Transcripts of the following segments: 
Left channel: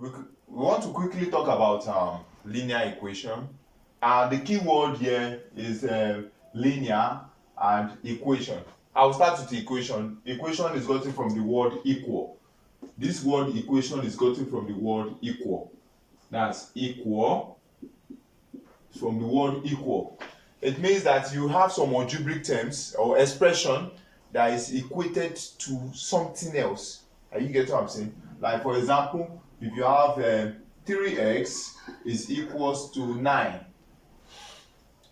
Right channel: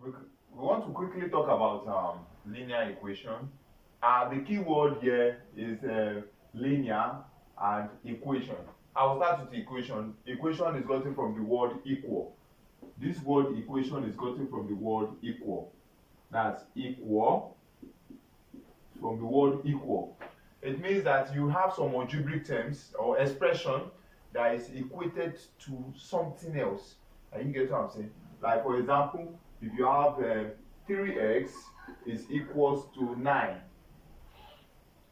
we want to quickly talk about linear equation. The key word here is linear and equation. I'll start with equation. Equation is gotten from the word equal. This word equation is gotten from the word equal. That's equal from the word equal. It means that you have some algebraic terms or expression that is equated to something else. Are you getting what I'm saying? Like for example, if you have 3x is equals to 9,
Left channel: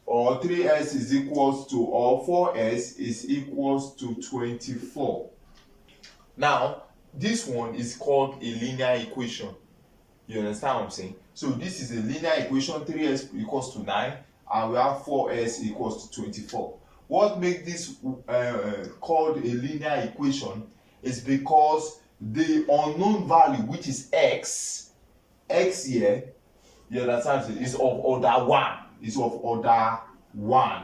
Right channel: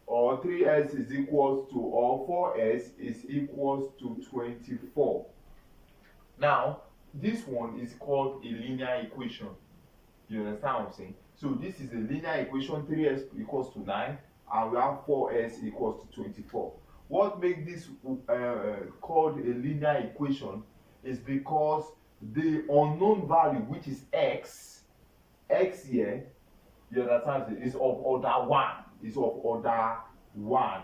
or 3x is equals to, or 4s is equals to 24. Now, this one is called a linear equation. You understand what I'm saying? So this is a linear equation. 3s equals to 9, and we have 4s equals to 24. What makes this called a linear equation is because the unknown value, which is x here, you understand, is of order 1. Is of order 1.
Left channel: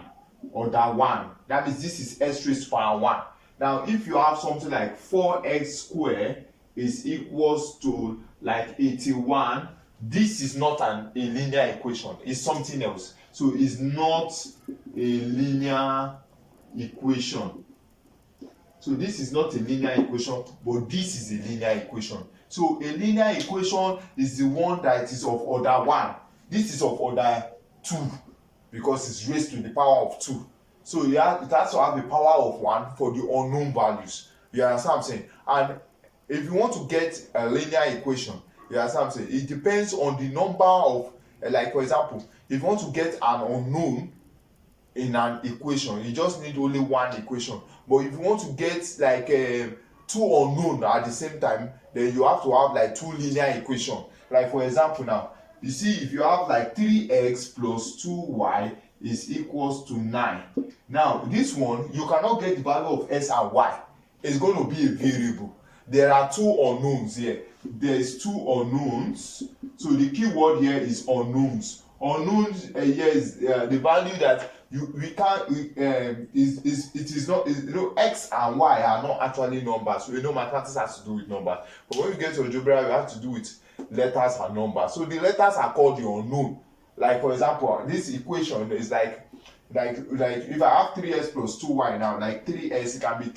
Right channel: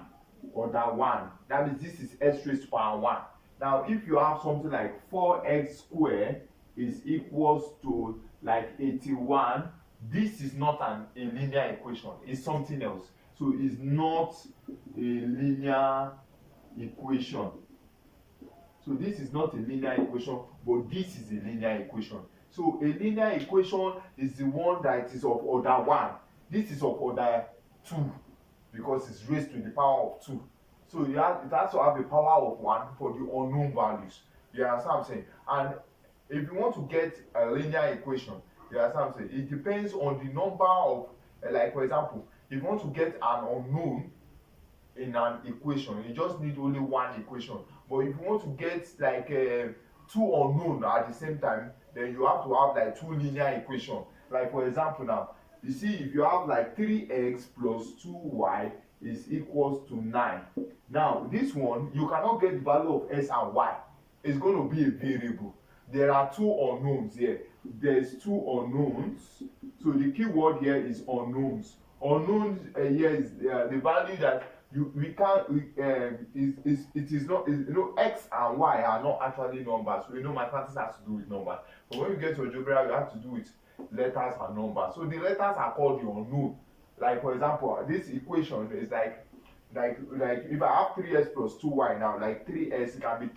Order 1. That means this is x raised to power 1. Now, if you have something like 4x squared is equals to like 81, this is not a linear equation. It's something else. So it's not a linear equation. So this is not a linear equation, but this is a linear equation. So a linear equation is the one that is of order 1. This is of order 2 because it's raised to the power of 2. So it has to have a power of 1 for the unknown values. You understand what I'm saying? And if you want to get a linear equation, you understand what I'm saying? It depends on the number of, like for example, if you want to get an unknown in an equation, you just need only one equation. But if you want to get like two unknown at the same time, then you have to have like two linear equations. Like for example now, you see if you have like 3x plus 2y is equals to 9. Now this one, you cannot get the value of x and y. It's going to be a variable. There are two unknowns here. There is two unknowns. So the key word here is unknowns. Unknowns here is the value that it is not, you know, x and y are not actually numbers. So you know mathematics has to do with numbers. But when you get to algebra, you have to do with letters and numbers. So the letters are called the unknown. Like for example, this equation is like if I have 3s plus 2y now, like 3s, it can be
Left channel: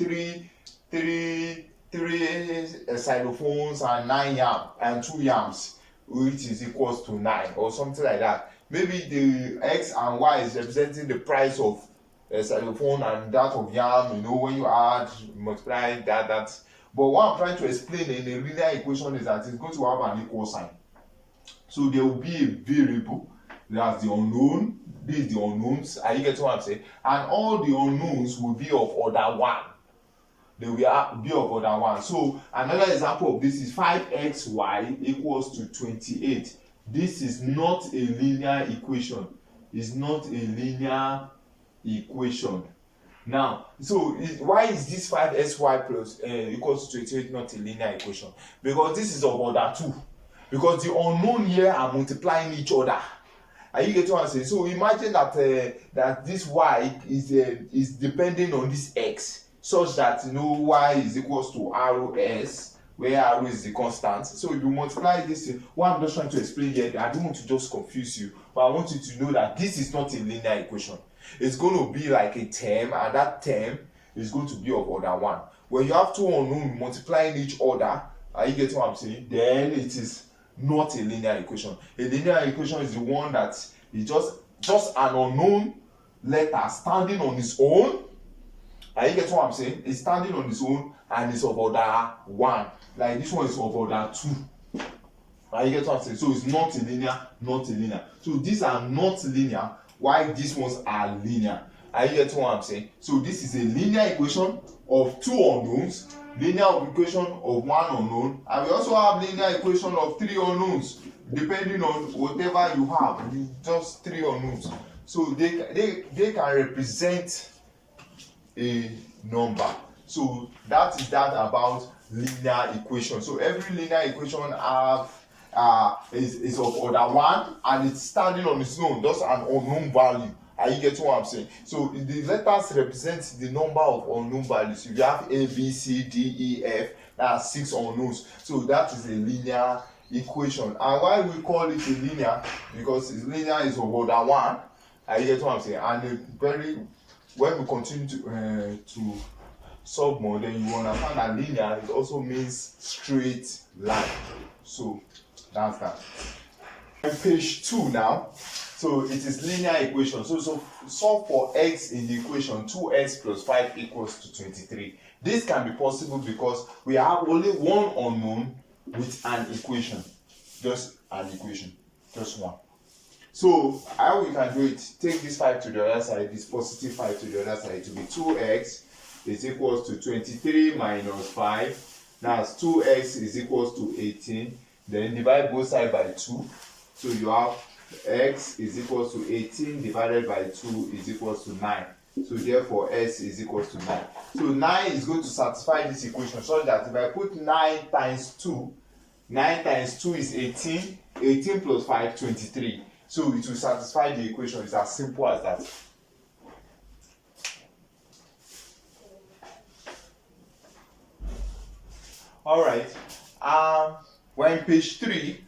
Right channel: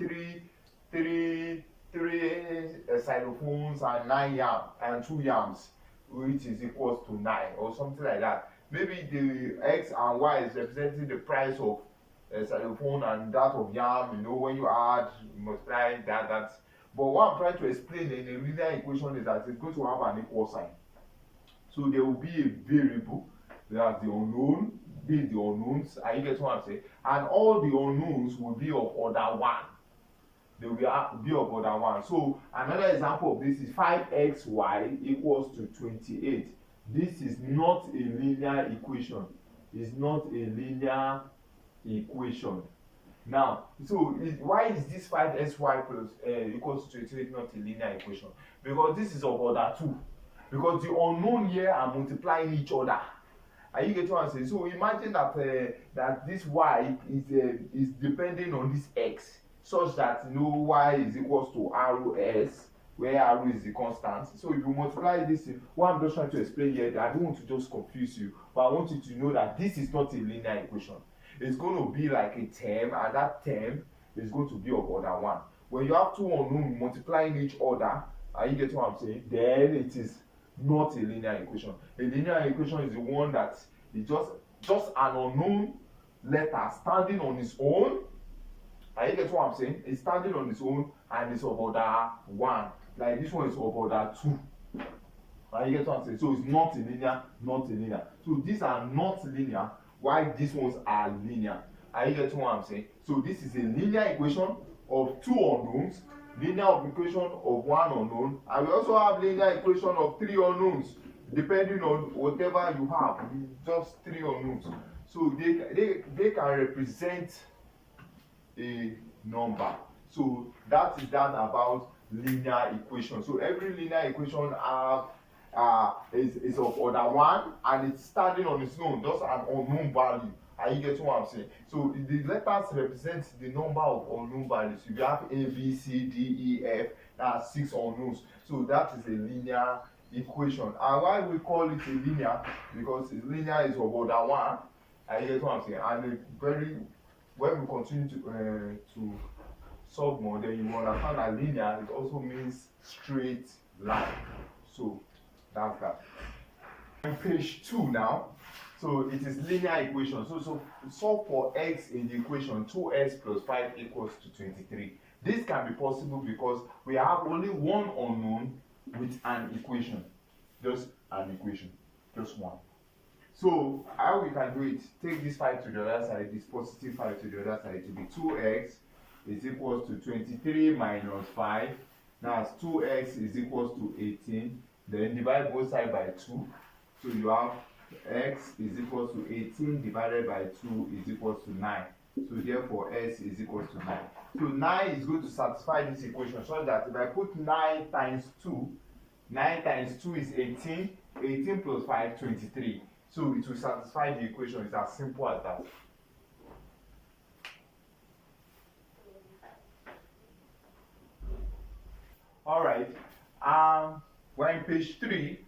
three xylophones and 9 yam and 2 yams, which is equals to 9 or something like that. Maybe the x and y is representing the price of a xylophone and that of yam, you know, when you add, multiply that. But what I'm trying to explain in a linear equation is that it's going to have an equal sign. So there will be a variable, that's the unknown, this is the unknowns, are you getting what I'm saying? And all the unknowns will be of order 1. They will be of order 1. So another example of this is 5xy equals to 28. This is not a linear equation. It's not a linear equation. Now, so why is this 5xy plus equals to 28 not a linear equation? Because this is of order 2. Because the unknown here are multiplying each other. Are you getting what I'm saying? So imagine that that this y is depending on this x, such that you know y is equals to rs, where r is the constant. So if you multiply this, what I'm just trying to explain here, I don't want to just confuse you, but I want you to know that this is not a linear equation. It's going to be like a term, and that term is going to be of order 1. When you have two unknowns multiplying each other, are you getting what I'm saying? Then it is not a linear equation. A linear equation is the one that is just an unknown letter standing on its own. Are you getting what I'm saying? It's standing on its own and it's of order 1. Like this one is of order 2. Are you getting what I'm saying? So it's not a linear, not a linear. So these are not linear, while these ones are linear. Are you getting what I'm saying? So this is a linear equation of two unknowns, linear equation of one unknown, and we also have linear equation of 3 unknowns, depending on whatever you have. Just 3 unknowns. So they can represent a number. So that is that about linear equation. So every linear equation have is of order 1 and it's standing on its own, just an unknown value. Are you getting what I'm saying? So the letters represent the number of unknown values. If you have A, B, C, D, E, F, that's 6 unknowns. So that is a linear equation. And why we call it a linear? Because it's linear is about than 1. I get what I'm saying. And when we continue to solve more, then you understand that linear, it also means straight line. So that's that. On page 2 now. So it is linear equation. So solve for x in the equation 2x plus 5 equals to 23. This can be possible because we have only one unknown with an equation. Just an equation. Just one. So how we can do it? Take this 5 to the other side, this positive 5 to the other side. To be 2x is equals to 23 minus 5. That's 2x is equals to 18. Then divide both sides by 2. So you have x is equals to 18 divided by 2 is equals to 9. So therefore s is equals to 9. So 9 is going to satisfy this equation so that if I put 9 times 2, 9 times 2 is 18, 18 plus 5, 23. So it will satisfy the equation. It's as simple as that. Alright, we're in page 3.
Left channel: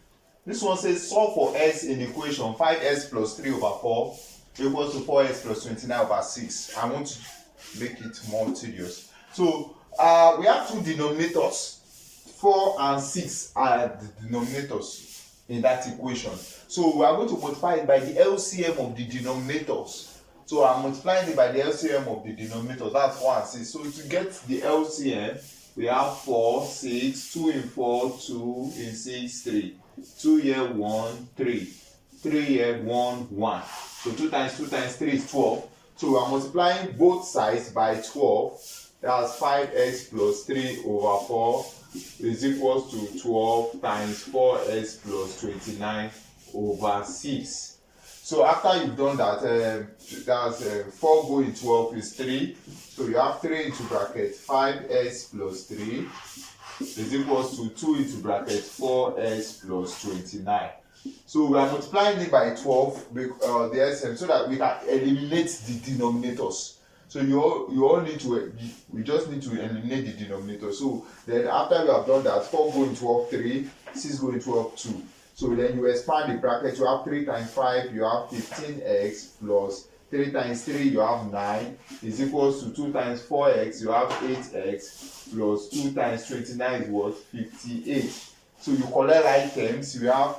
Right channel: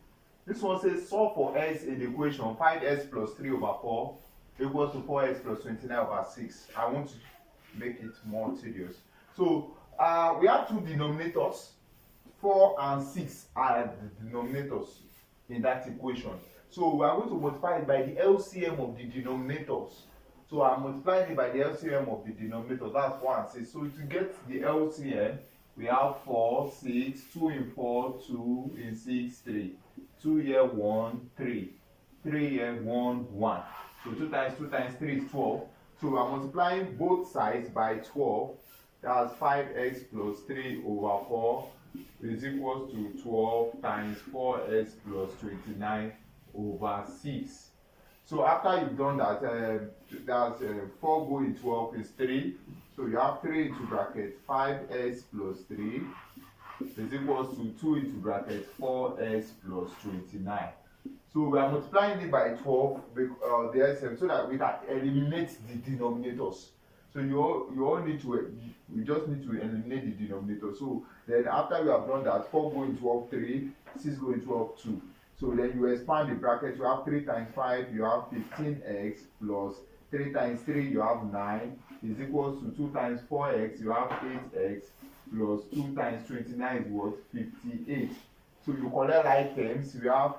This one says solve for s in the equation 5s plus 3 over 4 equals to 4s plus 29 over 6. I want to make it more tedious. So we have two denominators. 4 and 6 are the denominators in that equation. So we are going to multiply it by the LCM of the denominators. So I'm multiplying it by the LCM of the denominators. That's 4 and 6. So to get the LCM, we have 4, 6, 2 in 4, 2 in 6, 3. 2 here, 1, 3. 3 here, 1, 1. So 2 times 3 is 12. So we are multiplying both sides by 12. That's 5x plus 3 over 4 is equals to 12 times 4x plus 29 over 6. So after you've done that, that's 4 going 12 is 3. So you have 3 into bracket 5x plus 3 is equals to 2 into bracket 4x plus 29. So we are multiplying it by 12, the LCM, so that we can eliminate the denominators. So we just need to eliminate the denominator. So then after we have done that, 4 going 12, 3, 6 going 12, 2. So then you expand the bracket, you have 3 times 5, you have 15x plus 3 times 3, you have 9, is equals to 2 times 4x, you have 8x, plus 2 times 29 is what? 58. So you collect items, you have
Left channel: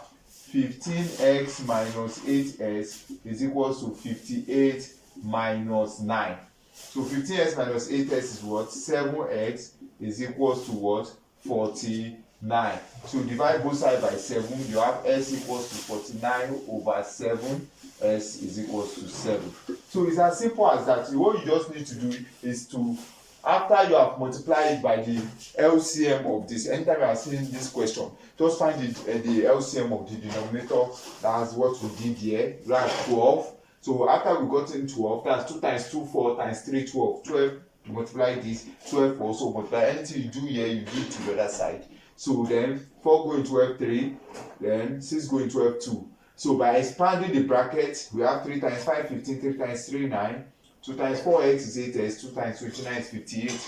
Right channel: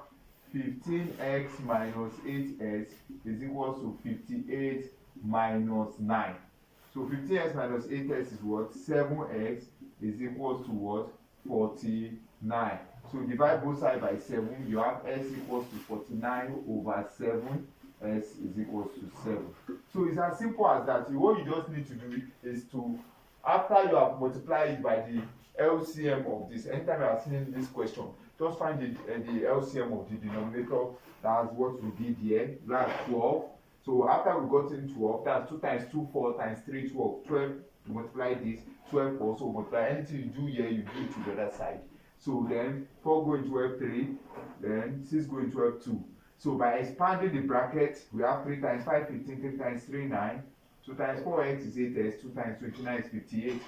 15x minus 8x is equals to 58 minus 9. So 15x minus 8x is what? 7x is equals to what? 49. So divide both sides by 7, you have s equals to 49 over 7, s is equals to 7. So it's as simple as that. What you just need to do is to, after you have multiplied by the LCM of this, anytime you are seeing this question, just find the LCM of the denominator. That's what we did here. That's 12. So after we got in 12, that's 2 times 2, 4 times 3, 12. 12, multiply this, 12 also multiply. Anything you do here, you do it to the other side. So then 4 going 12, 3, then 6 going 12, 2. So by expanding the bracket, we have 3 times 5, 15, 3 times 3, 9. 2 times 4x is 8x, 2 times 29 is 58.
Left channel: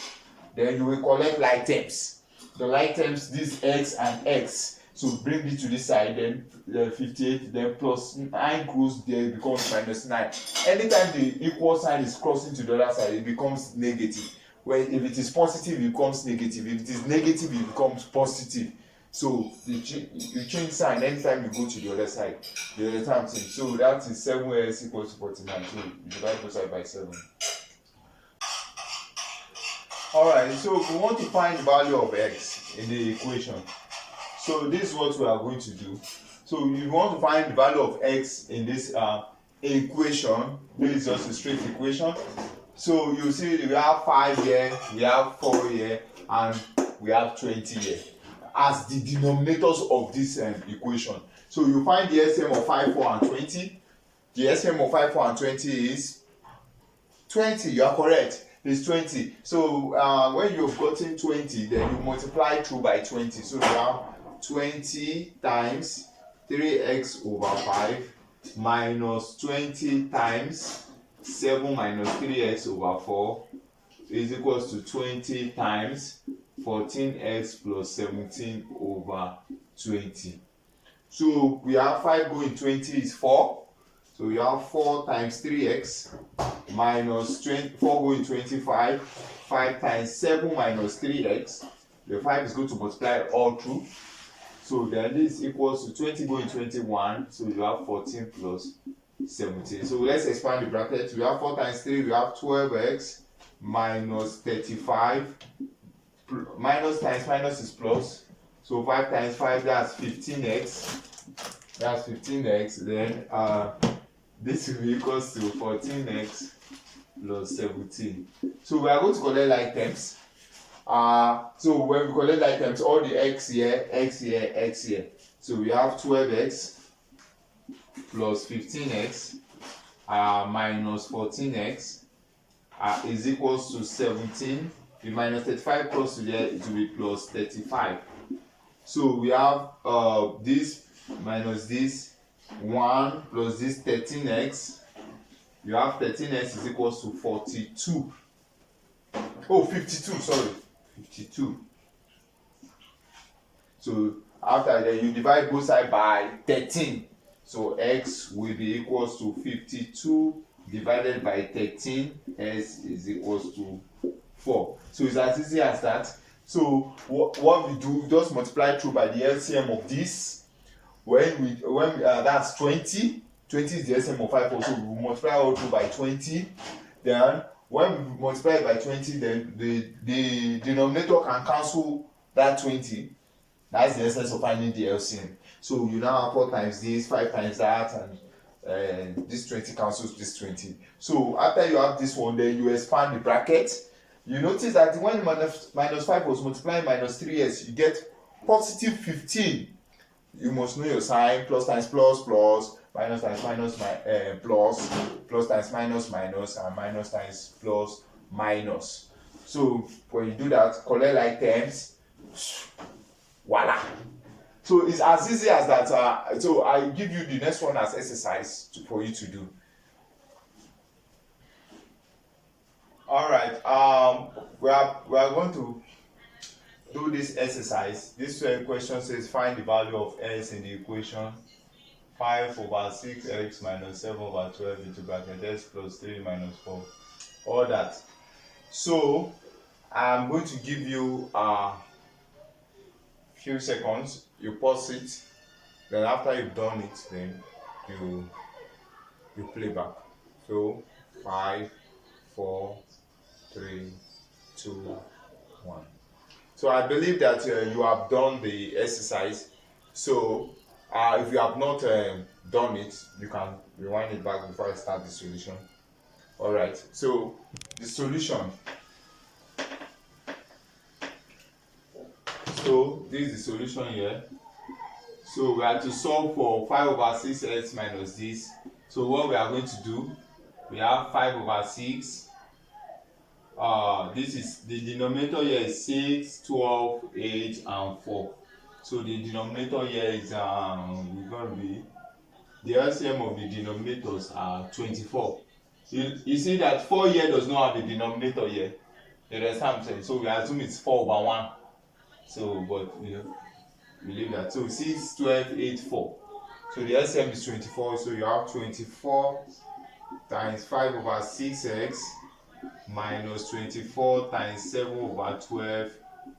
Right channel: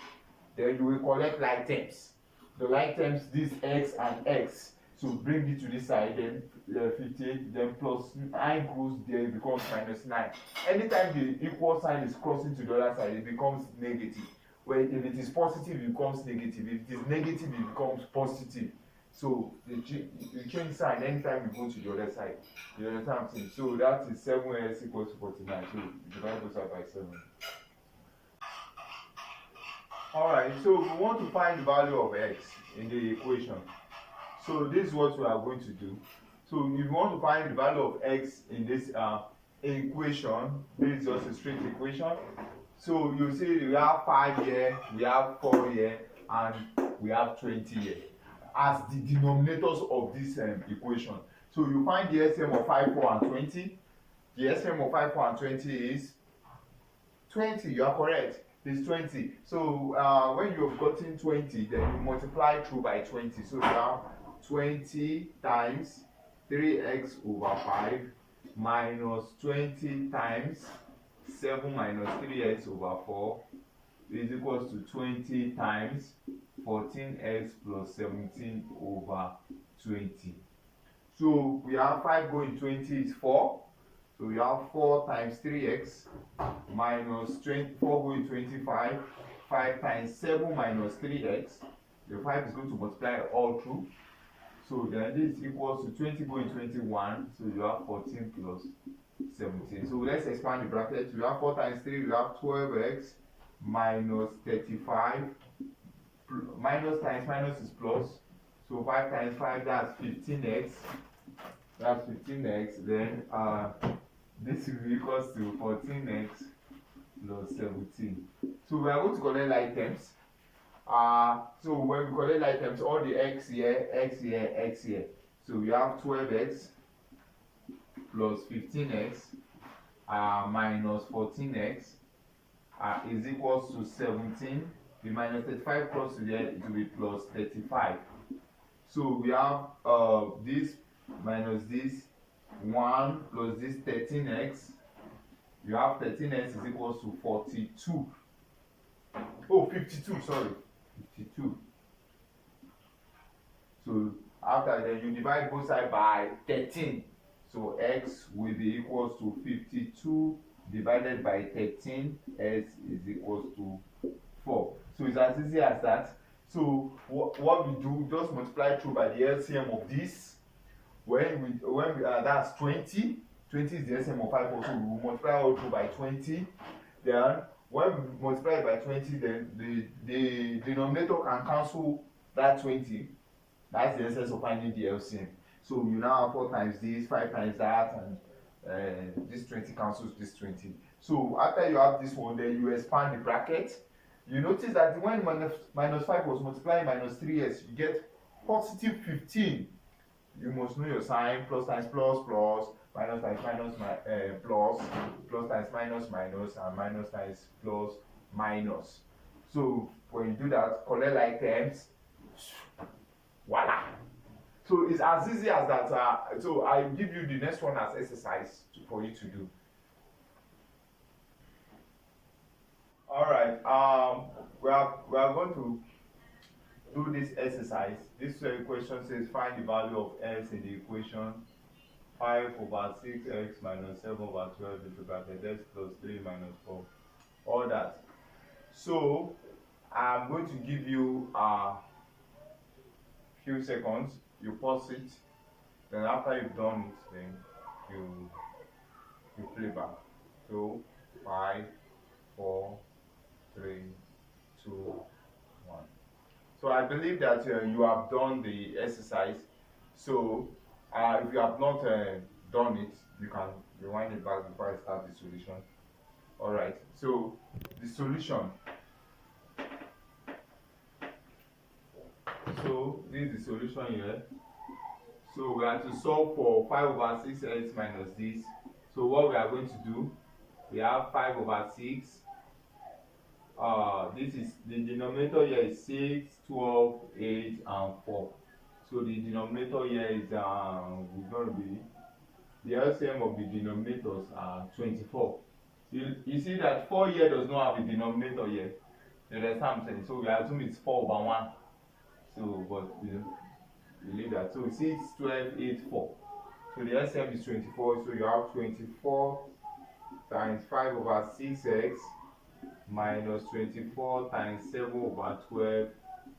Then you will collect like terms. The like terms, this x and x. So bring it to this side, then 58, then plus 9 goes there, it becomes minus 9. Anytime the equal sign is crossing to the other side, it becomes negative. Where if it is positive, it becomes negative. If it is negative, it becomes positive. So you change sign anytime you go to the other side. The other time thing. So that is 7s equals to 49. So you divide both sides by 7. Alright, so we want to find the value of x in the equation. So this is what we are going to do. So you want to find the value of x in this equation. This is just a straight equation. So you see we have 5 here, we have 4 here, and we have 20 here as the denominators of this equation. So you find the LCM of 5, 4, and 20. The LCM of 5, 4, and 20 is 20. You are correct. It's 20. So when you have gotten 20, then you multiply through by 20. So you have 20 times 3x over 5 minus 20 times 7 minus 3x over 4 is equals to 20 times 14x plus 17 over 20. So we have 5 going 20 is 4. So you have 4 times 3x minus 4 going 25. 5 times 7 minus 3x. The 5 is going to multiply all through. So then this equals to 20 going 21. So you have 14 plus 17. So let's expand the bracket. We have 4 times 3, we have 12x minus 35. Minus times minus is plus. So 5 times 5, that's 15x. That's 15x. Then this will be equals to 14x plus 17. So we are going to collect like terms. So when we collect like terms, all the x here, x here, x here. So we have 12x plus 15x minus 14x is equals to 17. We minus 35 plus to there, it will be plus 35. So we have this minus this 1 plus this 13x. You have 13x is equals to 42. Oh, 52, sorry. 52. So after that, you divide both sides by 13. So x will be equals to 52 divided by 13. S is equals to 4. So it's as easy as that. So what we do, just multiply through by the LCM of this. When that's 20. 20 is the LCM of 5, so we will multiply all through by 20. Then when we multiply it by 20, then the denominator can cancel that 20. That's the essence of finding the LCM. So you now have 4 times this, 5 times that, and this 20 cancels this 20. So after you have this one, then you expand the bracket. You notice that when minus 5 was multiplying minus 3s, you get positive 15. You must know your sign. Plus times plus, plus. Minus times minus, plus. Plus times minus, minus. And minus times plus, minus. So when you do that, collect like terms. Voila. So it's as easy as that. So I give you the next one as exercise for you to do. All right. We are going to do this exercise. This question says find the value of s in the equation 5 over 6x minus 7 over 12 into bracket s plus 3 minus 4. All that. So I'm going to give you a few seconds. You pause it. Then after you've done it, then you play back. So 5, 4, 3, 2, 1. So I believe that you have done the exercise. So if you have not done it, you can rewind it back before I start the solution. All right. So the solution. So this is the solution here. So we have to solve for 5 over 6x minus this. So what we are going to do, we have 5 over 6. This is the denominator here is 6, 12, 8, and 4. So the denominator here is going to be the LCM of the denominators are 24. You see that 4 here does not have a denominator here. You understand what I'm saying? So we assume it's 4 over 1. So, but you know, we leave that. So 6, 12, 8, 4. So the LCM is 24. So you have 24 times 5 over 6x minus 24 times 7 over 12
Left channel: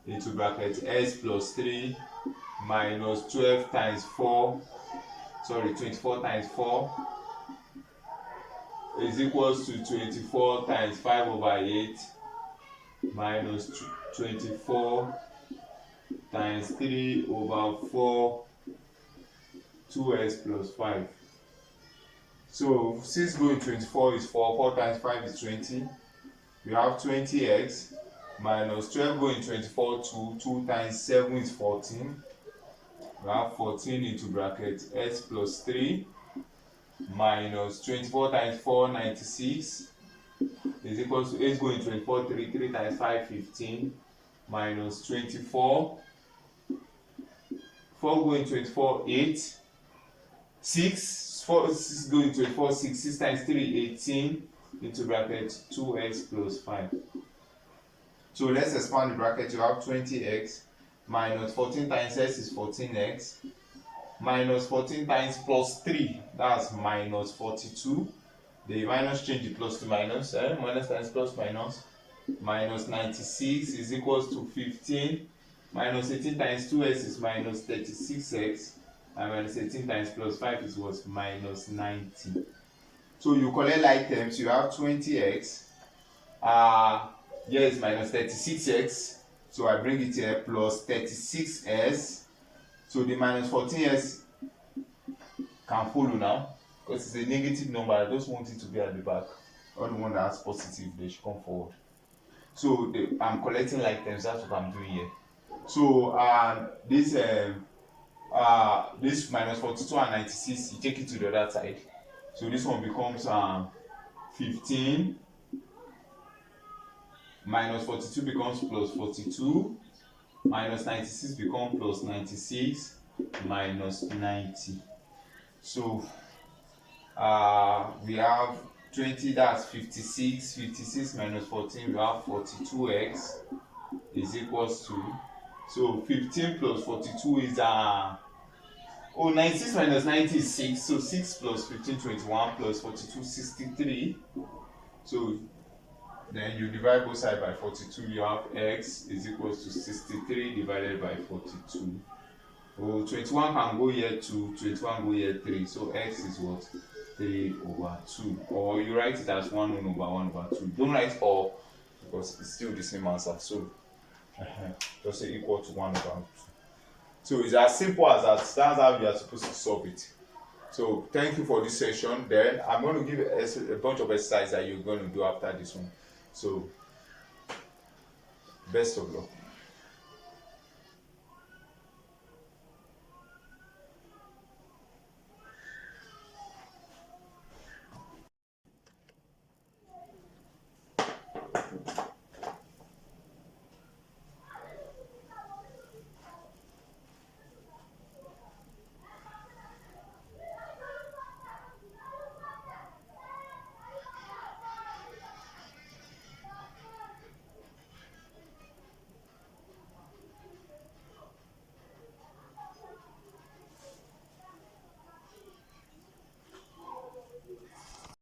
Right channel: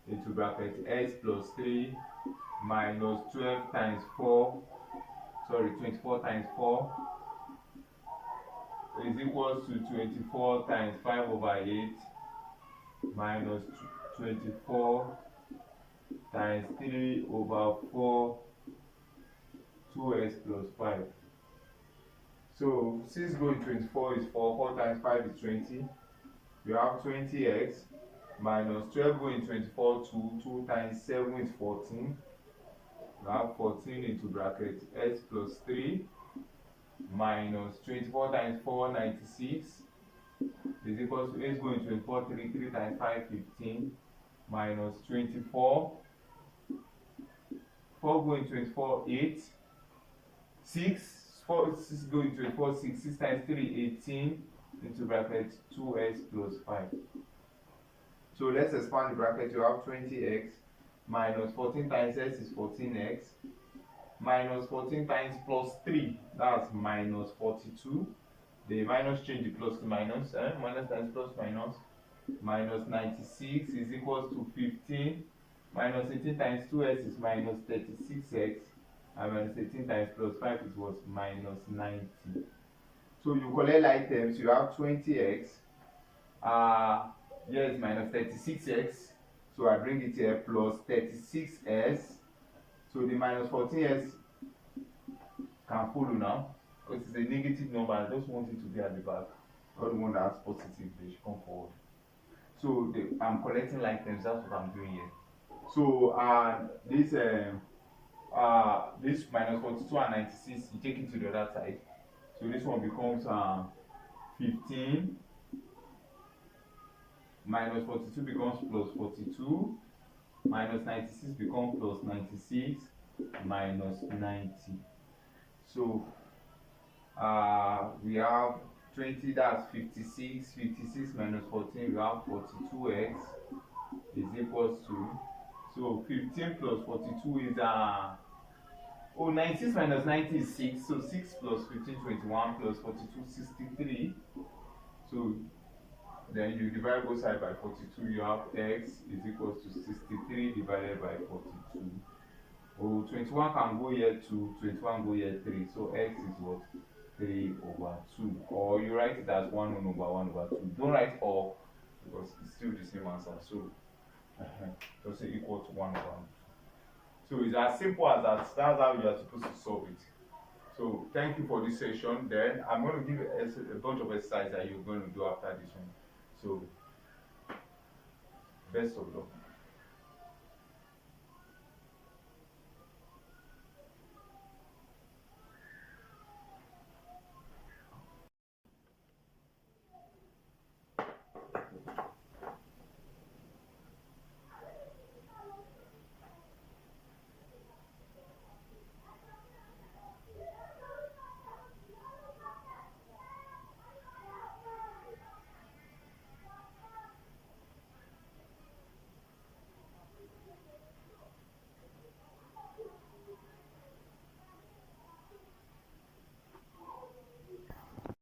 into bracket s plus 3 minus 12 times 4, sorry, 24 times 4 is equals to 24 times 5 over 8 minus 24 times 3 over 4, 2s plus 5. So 6 going 24 is 4, 4 times 5 is 20. We have 20x minus 12 going 24, 2 times 7 is 14. We have 14 into bracket s plus 3 minus 24 times 4, 96 is equal to 8 going 24, 3 times 5, 15 minus 24, 4 going 24, 8, 6, 6 going 24, 6 times 3, 18 into bracket 2x plus 5. So let's expand the bracket. You have 20x minus 14 times s is 14x minus 14 times plus 3, that's minus 42. The minus change the plus to minus, minus times plus minus, minus 96 is equals to 15. Minus 18 times 2x is minus 36x, and minus 18 times plus 5 is what? Minus 90. So you collect like terms, you have 20x, here is minus 36x, so I bring it here, plus 36s, so the minus 14s can follow now, because it's a negative number. I just want it to be at the back. All the one that has positive, they should come forward. So I'm collecting like terms, that's what I'm doing here. So this minus 42 and 96, you take it to the other side. So this one becomes 15, minus 42 becomes plus 42, minus 96 becomes plus 96, minus 90. So we have 20, that's 56. 56 minus 14, we have 42x is equals to, so 15 plus 42 is 96 minus 90 is 6, so 6 plus 15, 21, plus 42, 63. So then you divide both sides by 42, you have x is equals to 63 divided by 42. Oh, 21 can go here 2, 21 go here 3, so x is what? 3/2. Or you write it as 1/1/2. Don't write all, because it's still the same answer. So just say equal to 1/2. So it's as simple as that. That's how you are supposed to solve it. So thank you for this session. Then I'm going to give a bunch of exercises that you're going to do after this one. So best of luck.